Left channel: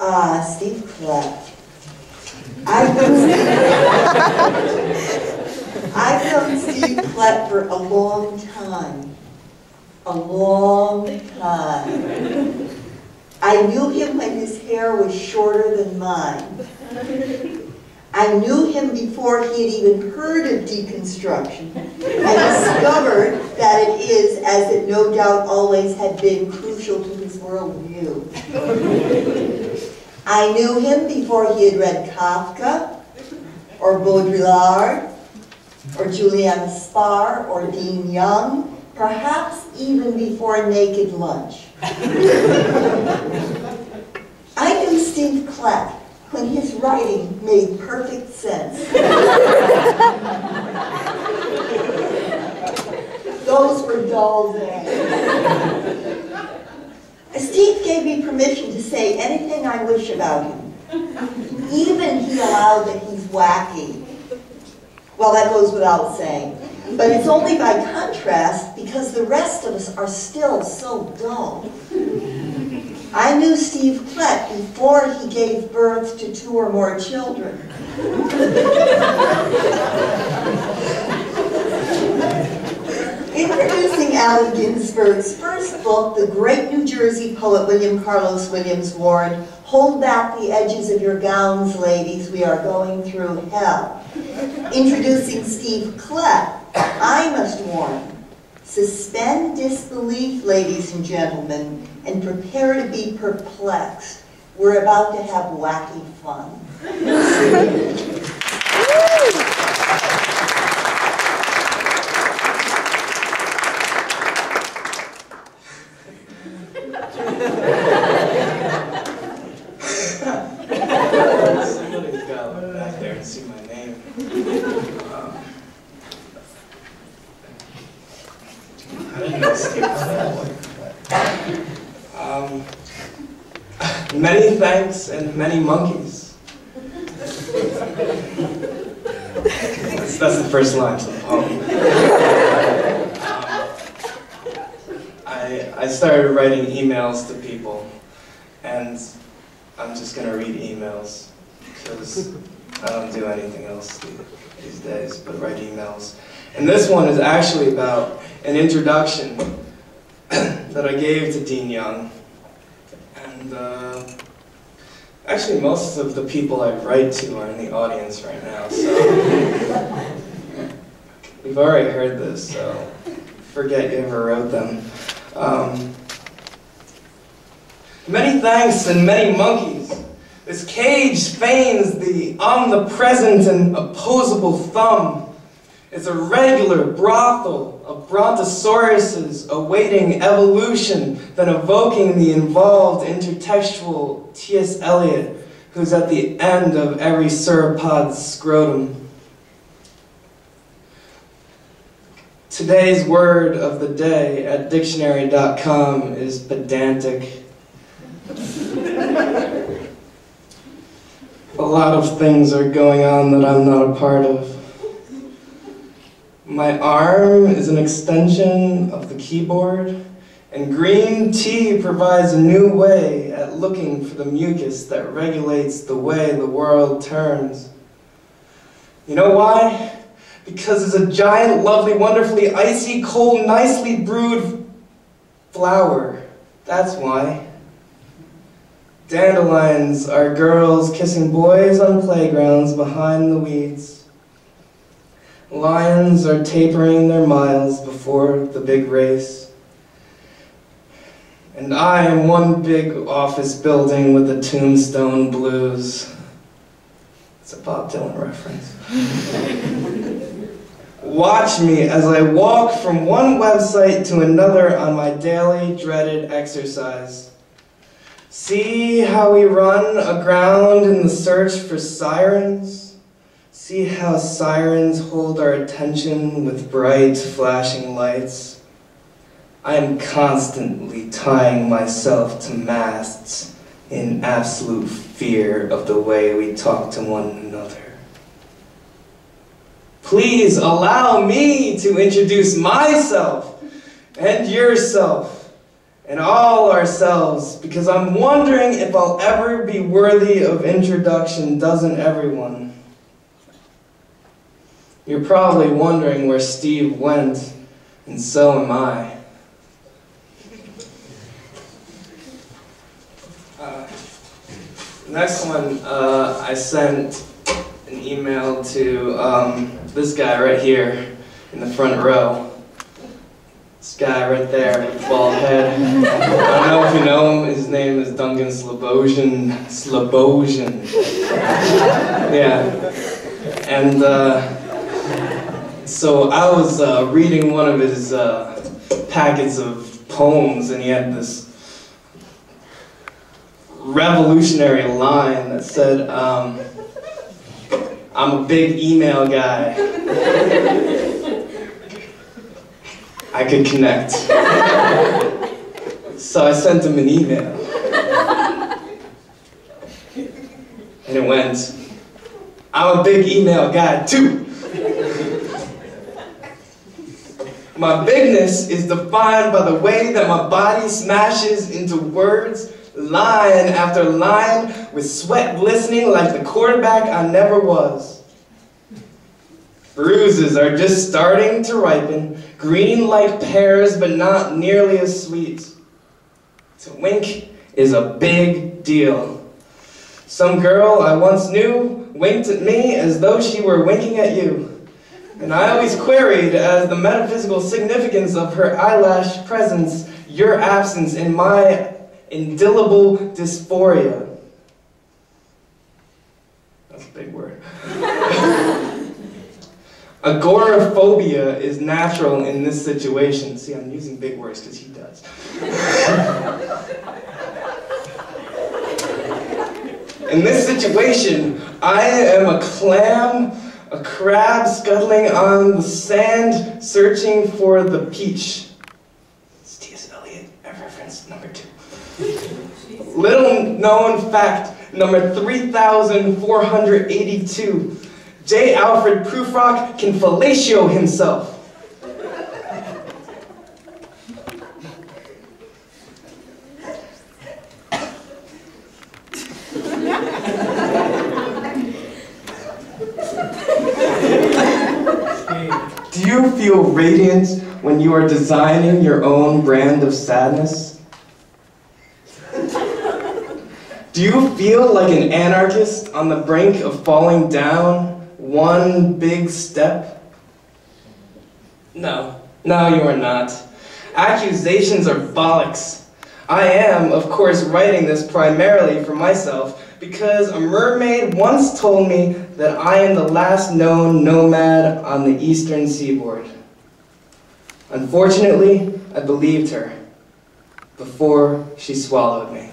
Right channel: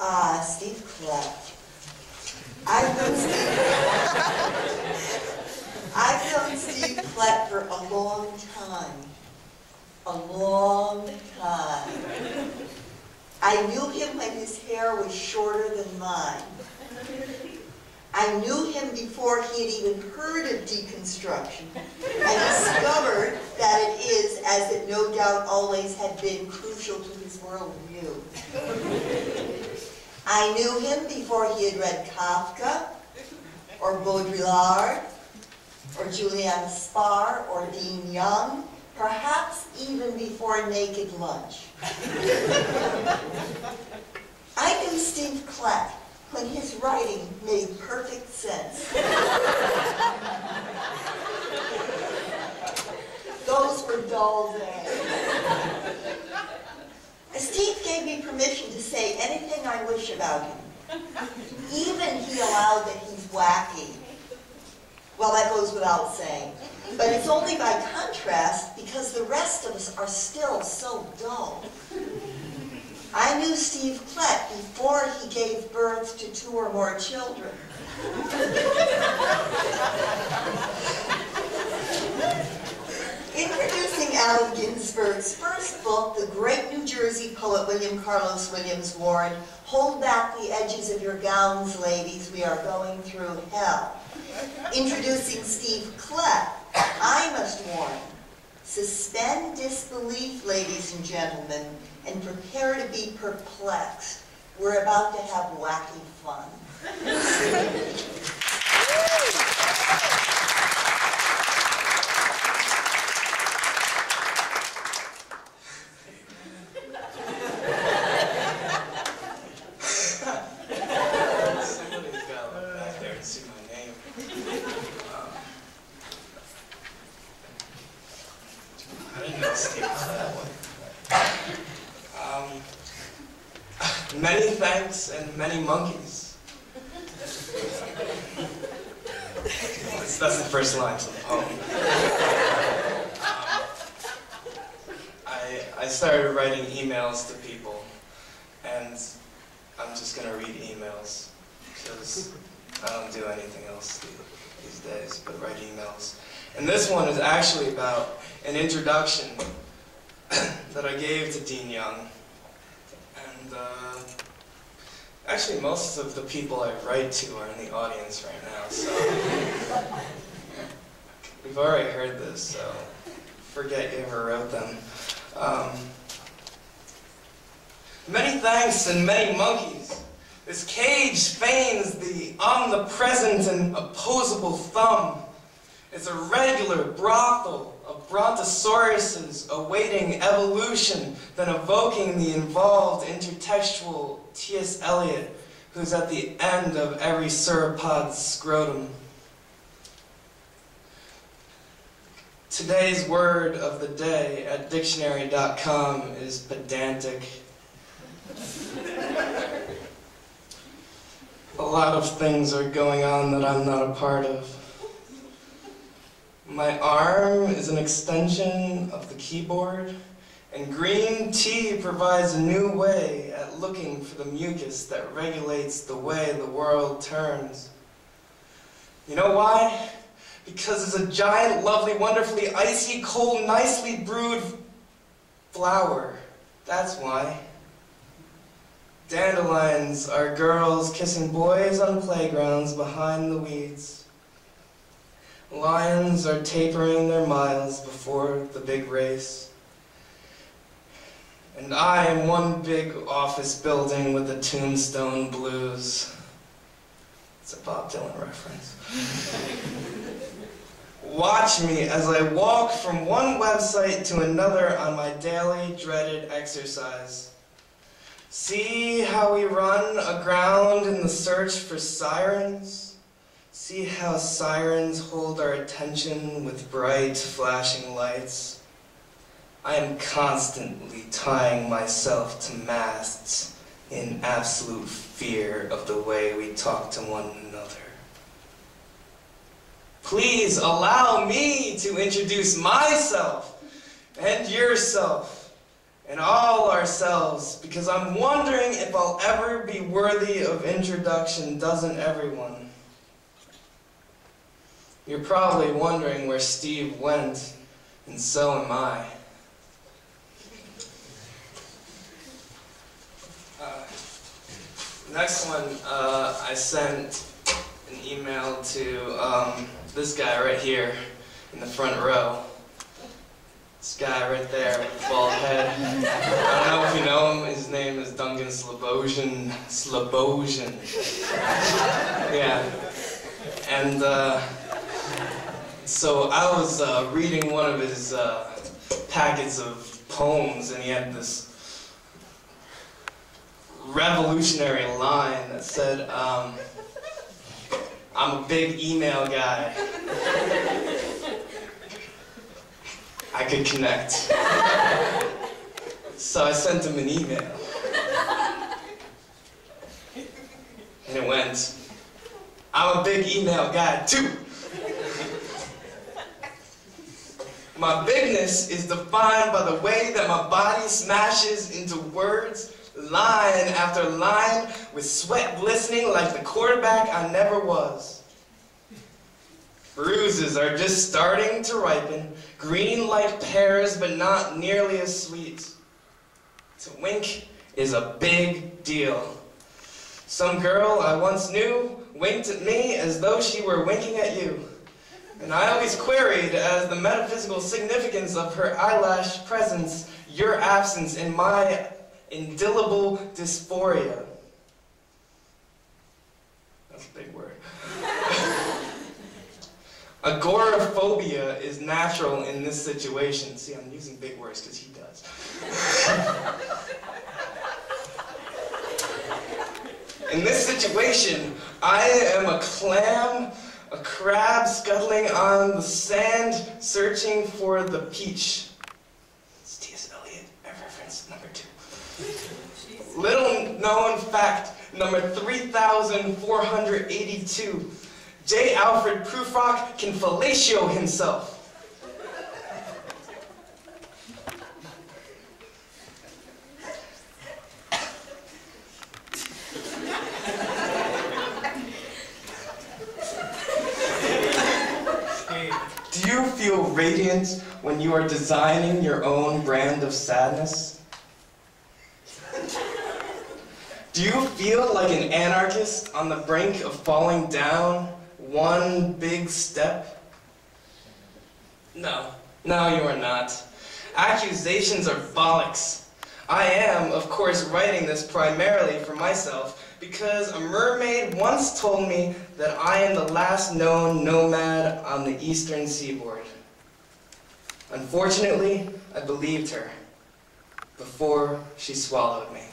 Steve Klett. I've known Steve Klett for a long time. A long time. I knew him when his hair was shorter than mine. I knew him before he had even heard of deconstruction. I discovered that it is, as it no doubt always had been, crucial to his worldview. I knew him before he had read Kafka, or Baudrillard, or Juliana Spar, or Dean Young, perhaps even before Naked Lunch. I knew Steve Klett when his writing made perfect sense. Those were dull days. Steve gave me permission to say anything I wish about him. Even he allowed that he's wacky. Well, that goes without saying. But it's only by contrast because the rest of us are still so dull. I knew Steve Klett before he gave birth to 2 or more children. Introducing Allen Ginsberg's first book, the great New Jersey poet William Carlos Williams warned, "Hold back the edges of your gowns, ladies, we are going through hell." Introducing Steve Klett, I must warn, suspend disbelief, ladies and gentlemen, and prepare to be perplexed. We're about to have wacky fun. Somebody's got to look back there and see my name. I didn't know Steve was that way. Many thanks and many monkeys. That's the first line to the poem. I started writing emails to people, and I'm just going to read emails, because I don't do anything else these days but write emails. And this one is actually about an introduction that I gave to Dean Young. And actually most of the people I write to are in the audience right now, so we've already heard this, so forget you ever wrote them. Many thanks and many monkeys. This cage feigns the omnipresent and opposable thumb. It's a regular brothel of brontosauruses awaiting evolution, then evoking the involved intertextual T.S. Eliot, who's at the end of every sauropod's scrotum. Today's word of the day at dictionary.com is pedantic. A lot of things are going on that I'm not a part of. My arm is an extension of the keyboard, and green tea provides a new way at looking for the mucus that regulates the way the world turns. You know why? Because it's a giant, lovely, wonderfully icy, cold, nicely brewed flower. That's why. Dandelions are girls kissing boys on playgrounds behind the weeds. Lions are tapering their miles before the big race. And I am one big office building with the tombstone blues. It's a Bob Dylan reference. Watch me as I walk from one website to another on my daily dreaded exercise. See how we run aground in the search for sirens? See how sirens hold our attention with bright, flashing lights? I am constantly tying myself to masts in absolute fear of the way we talk to one another. Please allow me to introduce myself and yourself and all ourselves, because I'm wondering if I'll ever be worthy of introduction, doesn't everyone? You're probably wondering where Steve went, and so am I. Next one, I sent an email to this guy right here in the front row. This guy right there with the bald head. I don't know if you know him. His name is Duncan Slobosian. Yeah. And so I was reading one of his packets of poems, and he had this revolutionary line that said, I'm a big email guy. I could connect. So I sent him an email. And it went, I'm a big email guy too. My bigness is defined by the way that my body smashes into words, line after line, with sweat glistening like the quarterback I never was. Bruises are just starting to ripen, green like pears, but not nearly as sweet. To wink is a big deal. Some girl I once knew winked at me as though she were winking at you. And I always queried as the metaphysical significance of her eyelash presence, your absence in my indelible dysphoria. That's a big word. Agoraphobia is natural in this situation. See, I'm using big words because he does. In this situation, I am a clam, a crab scuttling on the sand, searching for the peach. It's T.S. Eliot, reference number 2. Little known fact, number 3,482. J. Alfred Prufrock can fellatio himself. Do you feel radiant when you are designing your own brand of sadness? Do you feel like an anarchist on the brink of falling down one big step? No, you are not. Accusations are bollocks. I am, of course, writing this primarily for myself because a mermaid once told me that I am the last known nomad on the eastern seaboard. Unfortunately, I believed her before she swallowed me.